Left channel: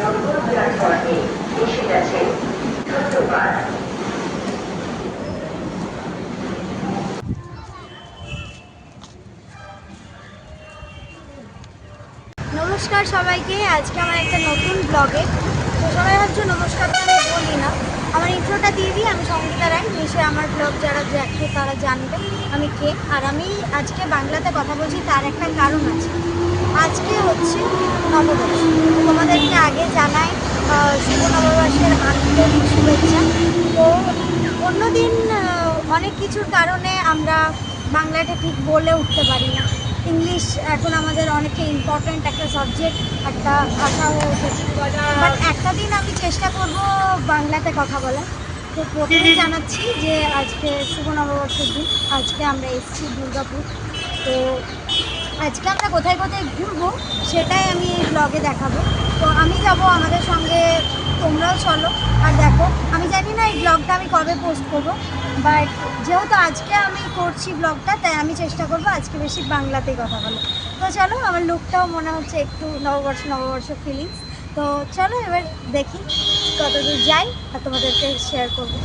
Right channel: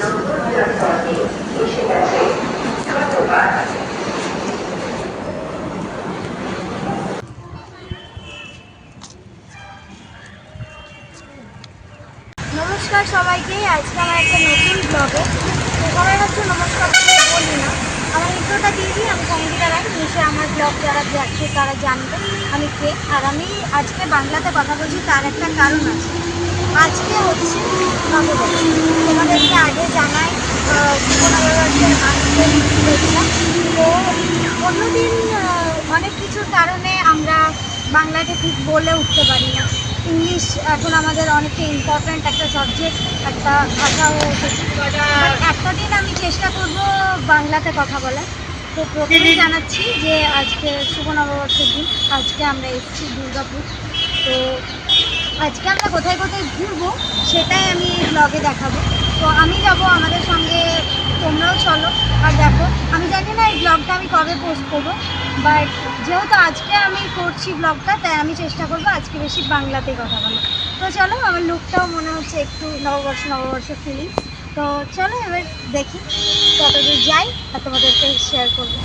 নম্বর প্ল্যাটফর্মে এসে গেছে। ধন্যবাদ। নমস্কার সবাইকে, আজকে আমার একটা নতুন ব্লগে। তো সবাই হচ্ছে নমস্কার আমি বলি না, আমার ইন্ট্রোটা দিয়ে দিই। আমি সঙ্গীতা রায়, নিশ্চয় আমার ব্লগ যারা দেখছে তারা জানবে আমি কে। আর আমি আজকে বাংলাতে কথা বলছি, তার একটা কারণ আছে। আজকে হচ্ছে নববর্ষ। তোমাদেরকে আগে জানাই শুভ নববর্ষের আন্তরিক শুভেচ্ছা। তো অন্যদিন অনেক কিছুর কারণে আমরা বাংলাটা ঠিক বলে উঠতে পারি না। ইংলিশ এখন আমাদের অনেকটা ইম্পর্ট্যান্ট একটা সাবজেক্ট, একটা ভাষা হয়ে উঠেছে। বাট একটা দিন আমি চেষ্টা করব বাংলাতে কথা বলার। তো প্রথমেই জানাচ্ছি যে আজকে শুভ নববর্ষের দিন। আজকে আমরা এসেছি দুর্গাপুর। তো আজকে আমরা কোথায় কোথায় ঘুরবো সেটাই আমি এই ব্লগে দেখাবো। তো আমি যাব, আমাদের সঙ্গে তোমরাও চলো আর দেখো। আমি জানি না এই ব্লগটা আমি কবে পোস্ট করবো, বাট যেহেতু আজকে আমি করছি ব্লগটা, তাই আমি চেষ্টা করবো আজকে বেশি বাংলাতেই কথা বলো। তো চলো, আমার লুকটাও মনে হচ্ছে একটু নববর্ষ নববর্ষ ফিলিংস। তো চলো এবার দেখি কতদূর যাই আর তোমাদেরকে শেয়ার করবো।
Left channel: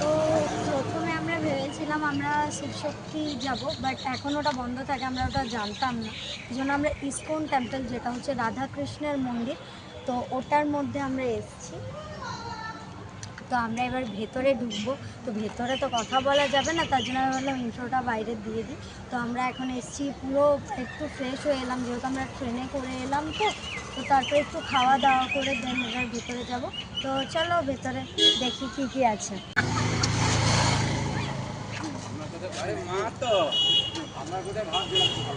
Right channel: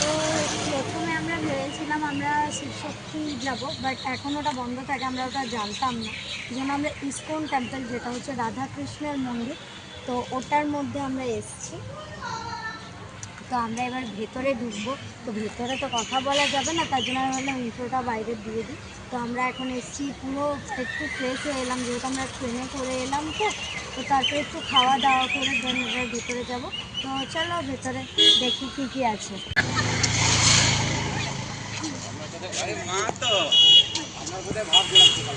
তো প্রথমে আমরা ভেবেছিলাম আমরা শিবশক্তি যাব, বাট এখন ওটা বন্ধ থাকে, আমরা ওটা জানতাম না। এই জন্য আমরা ইসকন টেম্পল, যেটা হচ্ছে রাধাকৃষ্ণের মন্দির, তো ওটার মধ্যে আমরা এসেছি। তো আমরা এবার ভেতরে ঢুকবো। তো ভেতরে তো কথা বলা যাবে না, তার জন্য আমি বললাম ইন্ট্রোটা বাইরে দিয়ে দিই। তো আমরা এখন এসেছি, পুরো একটু ফ্রেশ হয়ে এলাম, যেহেতু আমরা ট্রেনে করে এলাম। তো তারপরে একটু খাওয়া দাওয়া করে দেন এবার ভেতরে যাব। তো চলো ভেতরে দেখি কী কী আছে। আমরা কোথায় ভাবছিলাম।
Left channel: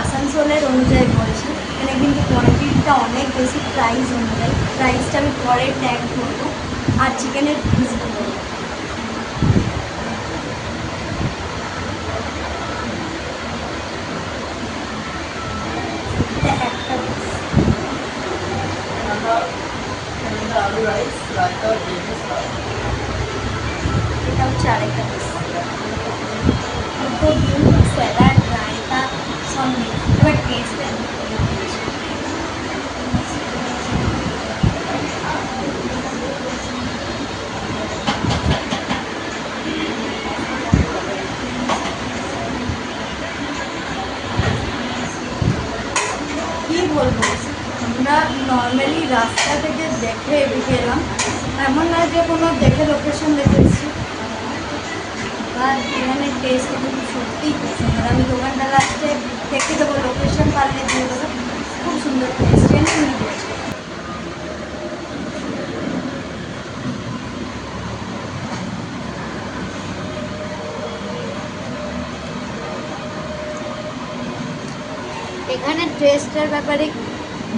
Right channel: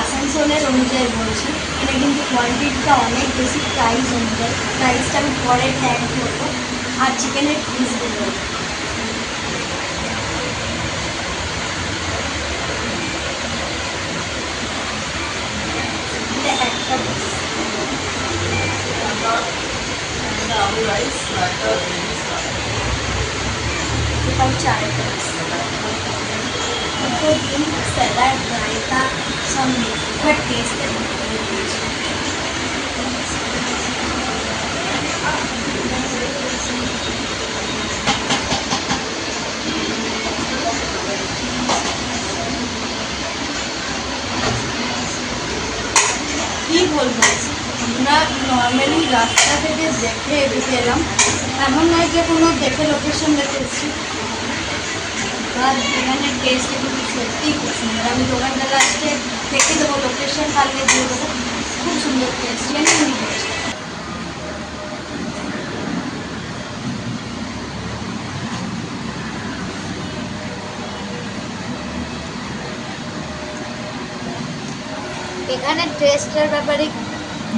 আসানসোলের অনুযায়ী বলছি, এটা কিন্তু কোয়ান্টিটিটা অনেক বেশি প্রাইস অনুযায়ী। প্রাইসটা আমি পরে ট্যাগ করবো। আর চিকেনের পিসগুলো এটা একটা পিস, এটা হচ্ছে আরেকটা পিস। দুটো ডিম, স্যালাড, রায়তা সব মিলে এবার টেস্টে কী বলবো, আমরা নর্মালি রাস্তা থেকে দেখে এদিকে এলাম, এমন নয় যে কোনো দেখে লোকেশন দেখে এসেছি। আর এখানে টেস্ট কিন্তু সত্যিই খুব সুন্দর। আমি দোকানটা লাস্টে দেখে দেবো, লোকেশন পারলে দিয়ে দেবো। খুব সুন্দর টেস্ট, জেনুইনলি টেস্ট। এখানে টেস্টের ব্যাপারে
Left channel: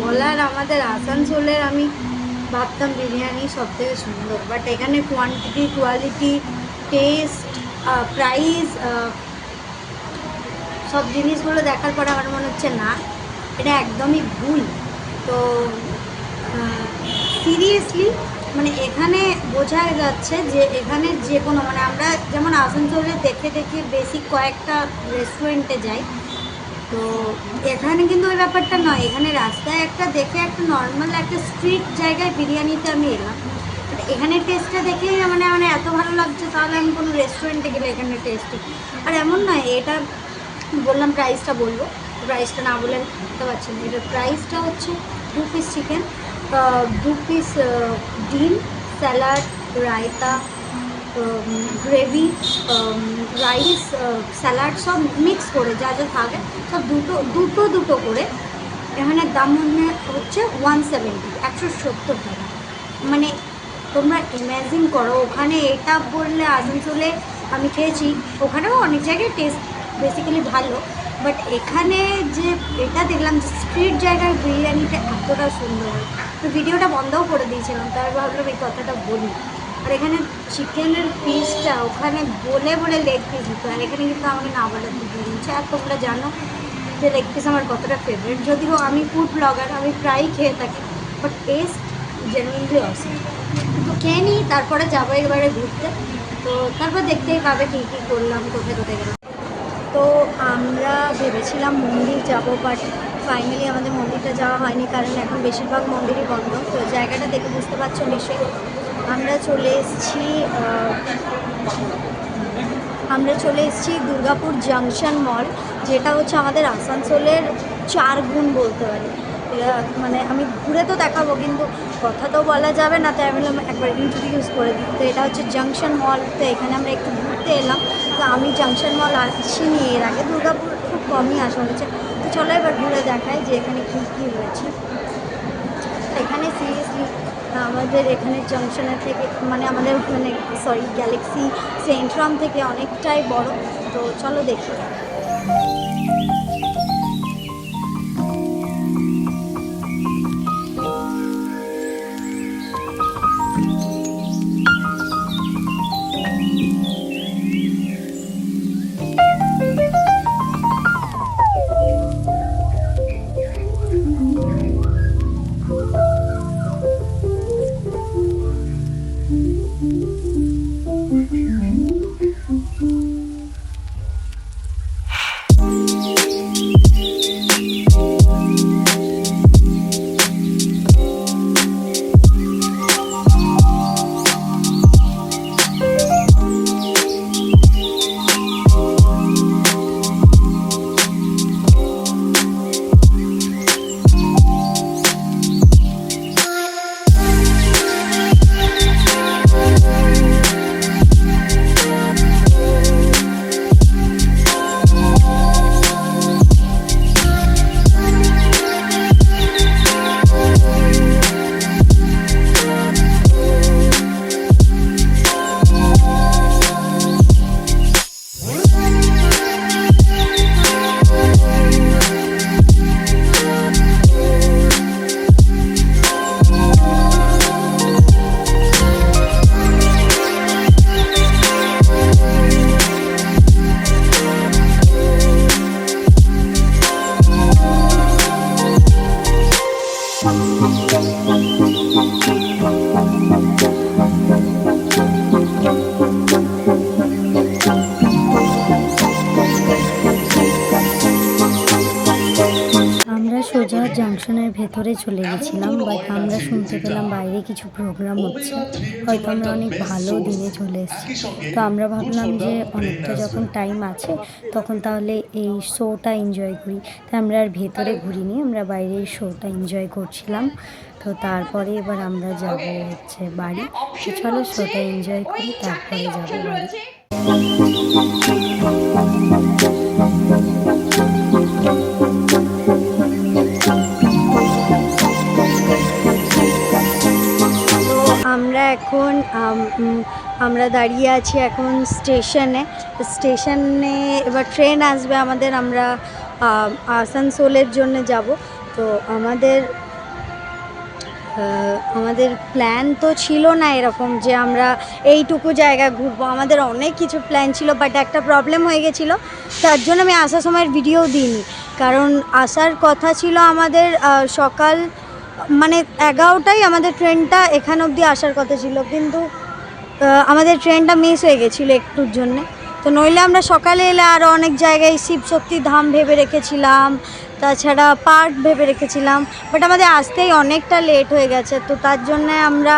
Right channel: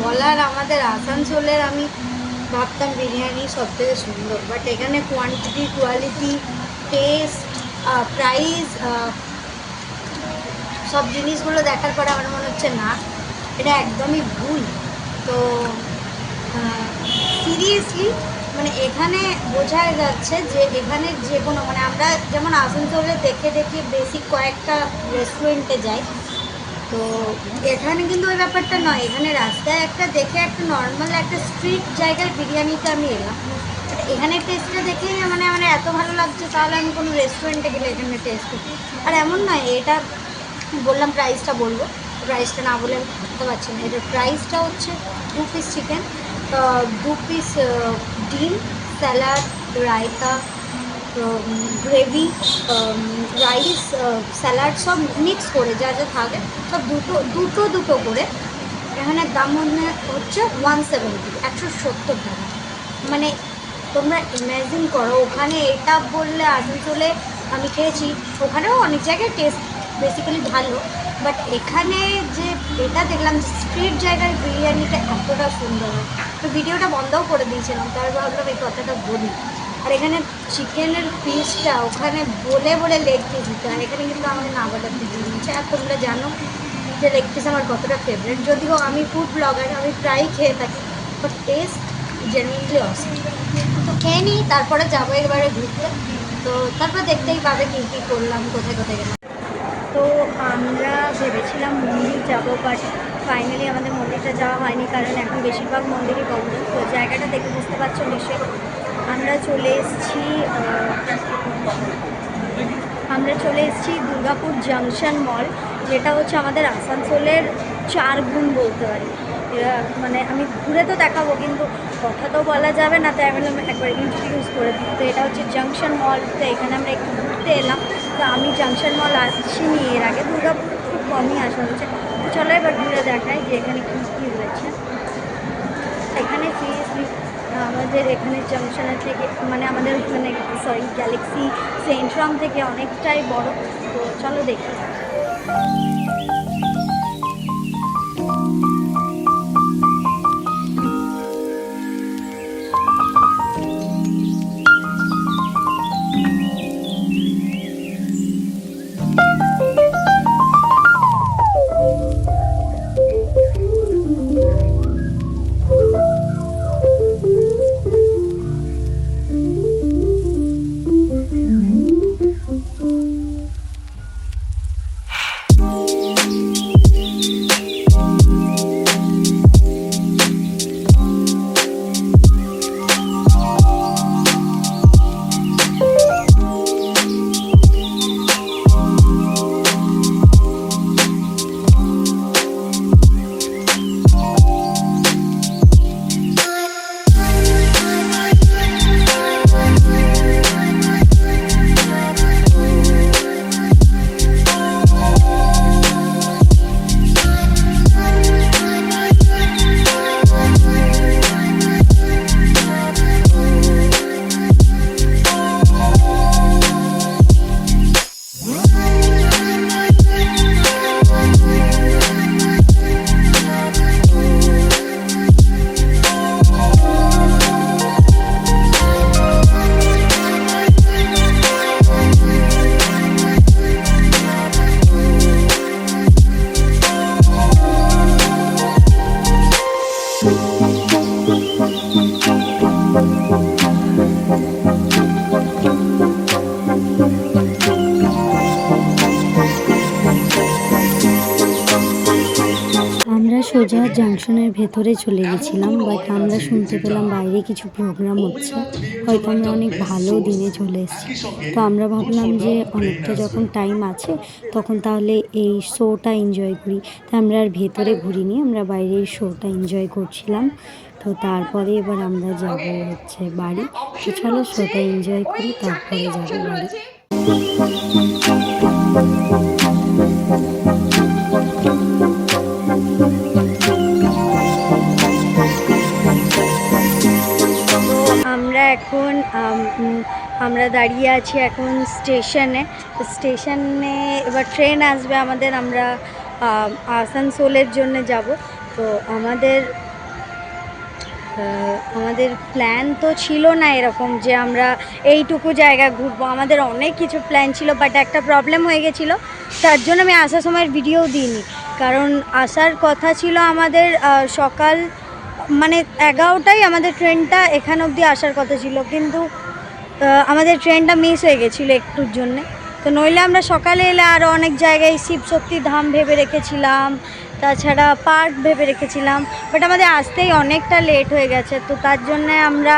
বলার, আমাদের আসানসোলের আমি ভাবতাম বিরিয়ানি সব থেকে সুন্দর, বাট এখানে কোয়ান্টিটি, কোয়ালিটি, টেস্ট, প্রাইস, সব জিনিসগুলো দেখার পরে আমার মনে হচ্ছে না, এটা একদমই ভুল। তো সিরিয়াসলি মানে এখানে বোঝা যাচ্ছে যে এখানে যে কোনো, মানে আমরা যেমন আসানসোলে দেখে দেখে বেসিক কয়েকটা রেস্টুরেন্টে যাই, তো এখানে কিন্তু ওই ব্যাপারটা নয়, এখানে রাস্তায় একটা দেখে একটা নর্মাল একটা স্ট্রিট জায়গায় বিরিয়ানিতে আমি এলাম, বাট এখানে টেস্টটা দেখে মানে আমার এত ভালো লাগছে, তাহলে আমি কোনো রেস্টুরেন্টে গেলে এখানে টেস্ট করি। আর এমন নয়, এটা বললাম প্রাইসটা বলবো, প্রাইসটা না বলে আমি থাকতে পারছি না। এটার প্রাইসটা হচ্ছে 2 পিস চিকেন, 2 পিস ডিম, salad, raita, gravy, rice, salad সব মিক্স করে যা যা থাকে সব দুটো দুটো করে। এখানে দাম হচ্ছে 170 টাকা। মানে তোমরা ইম্যাজিন করো, ওখানে এটা বললে আসানসোলে আমি খেয়েছি, ওখানেও অনেক জায়গায় টেস্ট বেসিক্যালি ভালো, বাট এখানে যে এটা দেখলাম যে স্ট্রিট জায়গায় বিরিয়ানিটা এতটা সুন্দর হয়, তো ভিডিওটা বন্ধও করে দিয়েছিলাম, তার ভাবলাম এই কথাটা বলি। আর এখানে চিকেনের পিসটা ওখানে বলে বলে লেগ পিস দিতে, আর এখানে কিন্তু আমাকে না বলাতে দিয়ে দিচ্ছে। আর তোমরা জানো যে লেগ পিস আমার কতটা ফেভারিট, যদিও আমি ফুড ব্লগার, আমি প্রায়ই খেয়ে থাকি, বাট টেস্ট জেনুইনলি অসম। তো খেয়ে নিই, তারপরে যাবো এবারে ঘুরতে। তো তারপর দেখতেই পাবে কী কী করলাম, কোথায় কোথায় গেলাম। তো আমরা ভেবেছিলাম মন্দির যাবো, বাট ফাইনালি আমাদের মন্দিরটা যাওয়া হয়নি, কারণ এখন বেশিরভাগ মন্দিরই বন্ধ। তো জায়গাটা দেখে বুঝতে পারছো নিশ্চয়, আমরা চলে এসেছি দুর্গাপুর জাংশন মল, যেটা হচ্ছে আমাদের আসানসোলের 4 গুণ বলতে পারি। মানে আমি ঘুরে তো দেখাবো, কিন্তু কথা তো বলা যাবে না, তাই আমি বললাম একবার ইন্ট্রোডিউস করে দিই। তো এটা হচ্ছে জাংশন মল, তো এখানে আমরা একটু ঘুরতে এলাম। তো আমি জাংশন মল আসিনি এর আগে, দুর্গাপুর খুব কমই আসা হয়েছে। তো চলো এবার ঘুরে দেখাই যে এখানে কী কী রয়েছে। এখানে সিরিয়াসলি আমাদের এখানে জাংশনের থেকে মানে আমাদের ওখানে গ্যালাক্সি সেন্ট্রাম থেকে অনেকটাই বড়। তো চলো দেখি। সোজা জাংশনের ভেতরে চলে গেছিলাম, বাট আমরা শুনতে পেলাম বাইরে কিছু প্রোগ্রাম হচ্ছে, হয়তো আমরা অনেক ভালো দিনে চলে এসেছি। তো আমরা ভাবলাম যে অনেকটা যখন টাইম আছে তখন তাহলে এই শোটা এনজয় করি, তাই আমরা আর ভেতরে ঘুরিনি, আমরা বাইরে এই শোটা এনজয় করছিলাম। তো তারপরে এবার আমরা যাব হচ্ছে বাড়ি। তো চলো শোটা এনজয় করি, তারপরে যাবো বাড়ি। আমরা দাঁড়িয়ে আছি এখন স্টেশনে এবার ট্রেন আসবে আমাদের, আমরা আসানসোলের জন্য যাব। তো আমাদের প্ল্যান তো ছিল না এরকম যে আমরা এইটুকু জায়গা ঘুরবো, আমাদের অনেক কিছু প্ল্যান ছিল, বাট একটা প্রবলেম হয়ে গেছিলো, তার জন্য আমি আসার সময় ভিডিও দিইনি। কারণ আসার কথা ছিল আমাদের সকাল মানে 11টায় আমাদের ট্রেনটা এখান অবধি আসার কথা ছিল, কিন্তু আমাদের ট্রেনটা মিস হয়ে গেছিলো একটুর জন্যে। তো তো নইলে আমরা সকালে এলে আরও অনেক জায়গায় শিবশক্তি ধাম ভেবে রেখেছিলাম, তাছাড়া পার্ক ভেবে রেখেছিলাম, বাট আমাদের আসতেই অনেকটা লেট হয়ে গেছে। তো তার জন্যে আমরা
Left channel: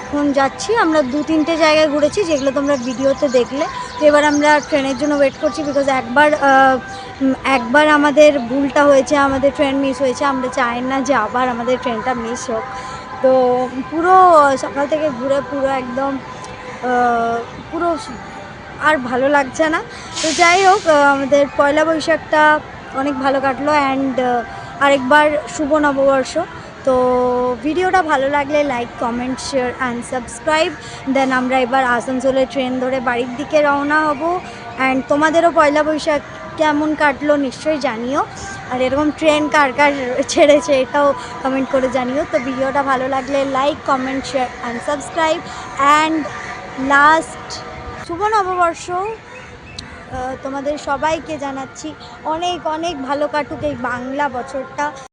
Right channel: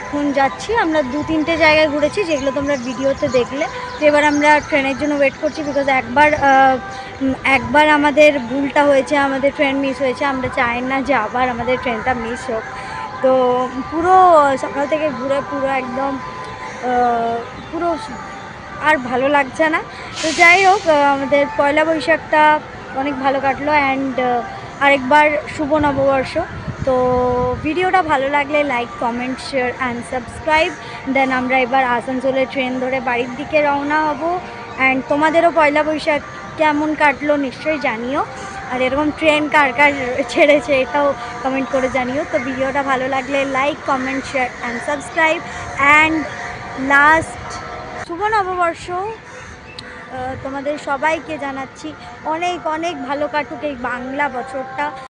এখন যাচ্ছি। আমরা 2-3টে জায়গায় ঘুরেছি যেগুলো তোমরা ভিডিওতে দেখলে। তো এবার আমরা ট্রেনের জন্য ওয়েট করছি, বিকজ একবার আমাদের ভুলটা হয়েছে, আমাদের ট্রেন মিস হয়েছে। আমরা চাই না যে আবার আমাদের ট্রেনটা মিস হোক। তো পুরো সকাল থেকে ঘুরে পুরো একদম পুরো আর ভালো লাগছে না। তো যাই হোক, আমাদের পয়লা বৈশাখটা অনেক ভালো কাটলো, অ্যান্ড আরেকবার শুভ নববর্ষ। তো ভিডিওটা ভালো লাগলে like, comment, share and subscribe. Then আমরা এবার আসানসোলে ট্রেন ধরে বাড়ির দিকে রওনা হব। অ্যান্ড তোমাদেরও পয়লা বৈশাখ কেমন কাটলো নিশ্চয়ই জানিও, আর এরকম ট্রেন কার কার ছেড়েছে এটাও কমেন্ট করে জানিও। তো ভিডিওটা ভালো লাগলে like, comment, share and subscribe. And last শুভ নববর্ষ তোমাদের সবাইকে জানাচ্ছি। অনেক অনেক ভালো কাটুক এই বাংলা বছরটা।